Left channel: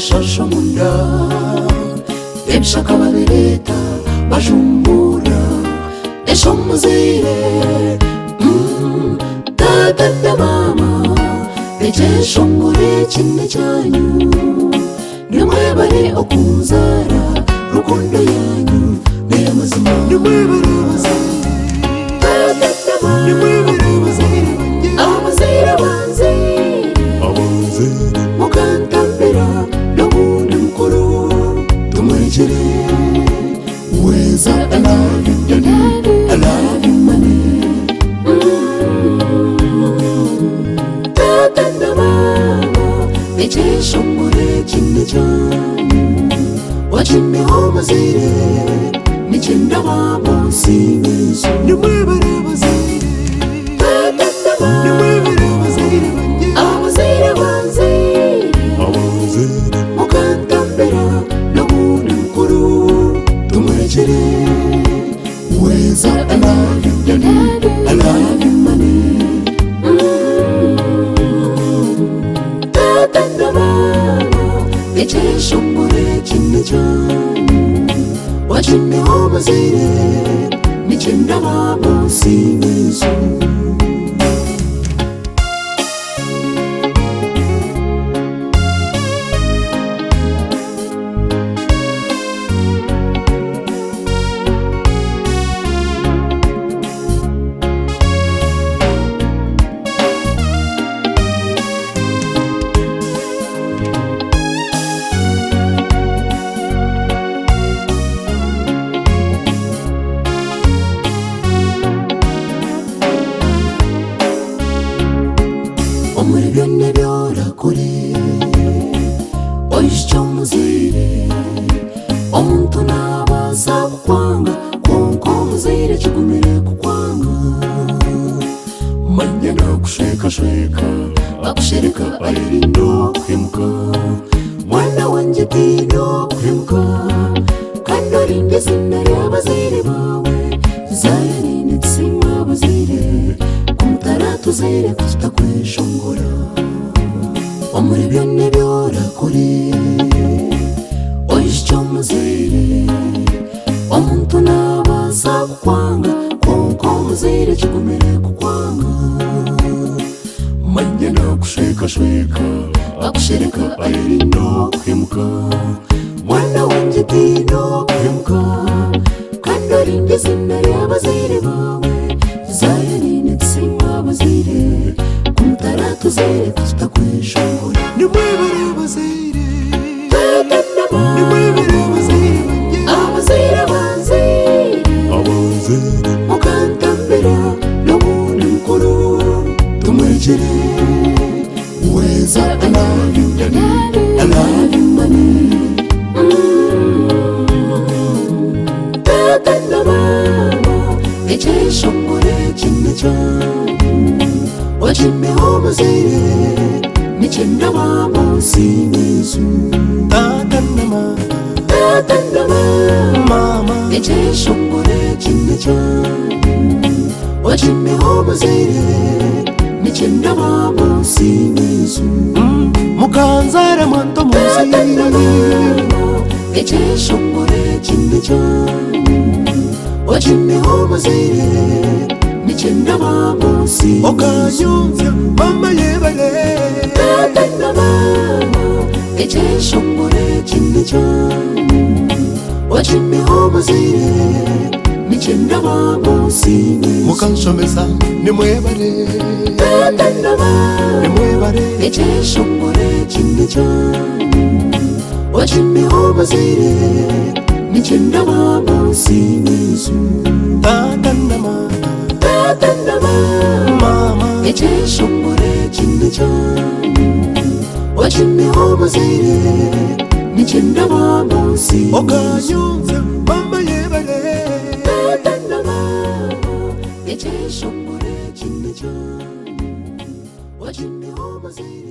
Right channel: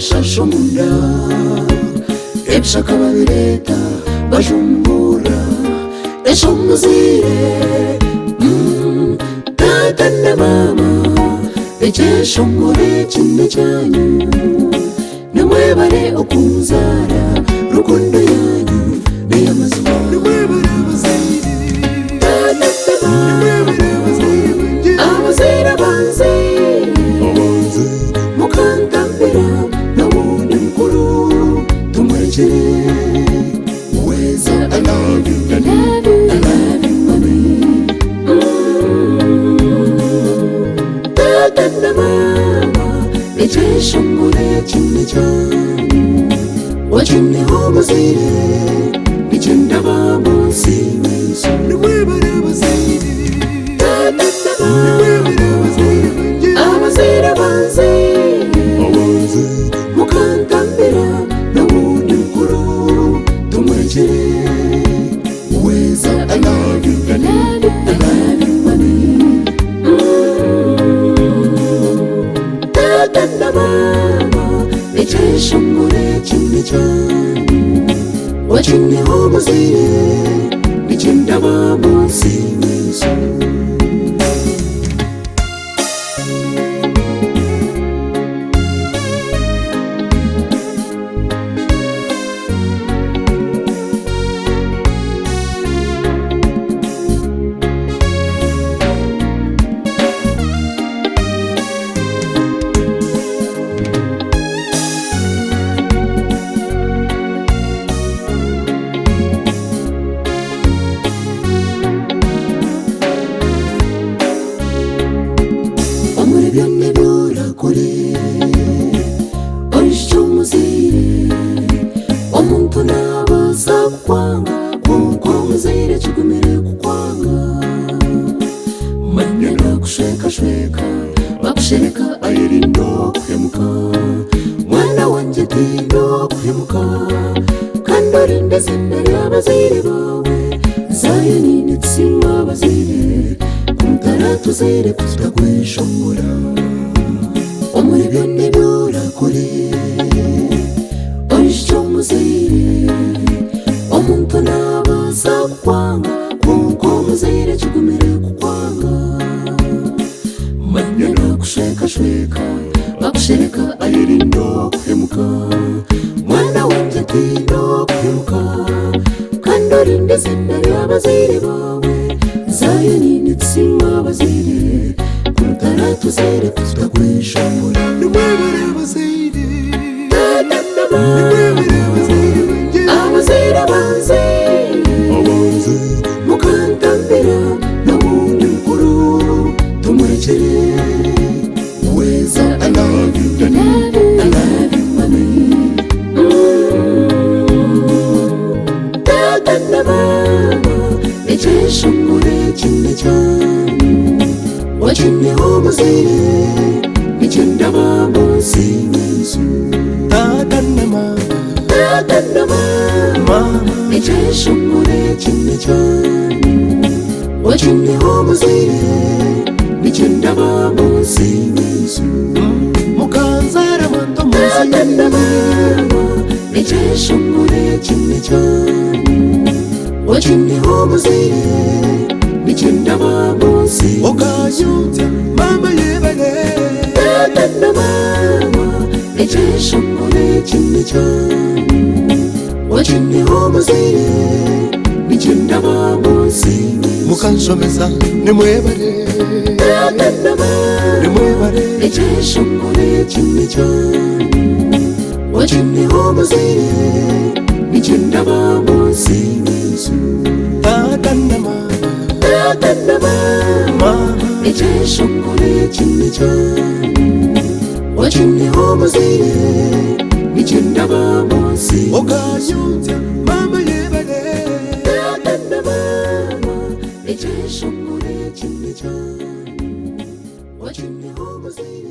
shasho munda ebshaka babireta bajumbura esho muzire tata na mama ejesho muri kinde cyanyu nimwebare okunzara rukundo yanyu neyamazima nimwebare bazire tata na mama abazira banze mukantambira n'ubundi mukuru tumurikire weza I love you daddy I love you money tata na mama ejesho muri kinde cyanyu wachiniho bazire nichenda babo sibeso nimwebare bazire wachiniho bazire nichenda babo sibeso bakushereka ayirindo kuhemuka mwana wanje tindo kuhemuka kandorinde zinere abazire bawe zayeni nitsima bazire kumtara tuzire kutagweshongora omuri byone byora kuri oisho muzire omuntu nabaza kukwanga kuko muzire kigumire kukwanga manyana kusheka shweka bakushereka ayirindo kuhemuka mwana wanje tindo kuhemuka kandorinde zinere abazire bawe zayeni nitsima bazire kumtara tuzire kutagweshongora nimwebare bazire nimwebare bazire abazire banze mukantambira n'ubundi mukuru tumurikire weza I love you daddy I love you money tata na mama ejesho muri kinde cyanyu wachiniho bazire nichenda babo sibeso tata na mama ejesho muri kinde cyanyu wachiniho bazire nichenda babo sibeso mukanzara moto muzire ejesho muri kinde cyanyu wachiniho bazire nichenda babo sibeso okayunze mama yebale tata na mama ejesho muri kinde cyanyu wachiniho bazire nichenda babo sibeso mukanshomesa nimwebale tata na mama nimwebale ejesho muri kinde cyanyu wachiniho bazire nichenda babo sibeso tata na mama ejesho muri kinde cyanyu wachiniho bazire nichenda babo sibeso okayunze mama yebale tata na mama ejesho muri kinde cyanyu wachiniho bazire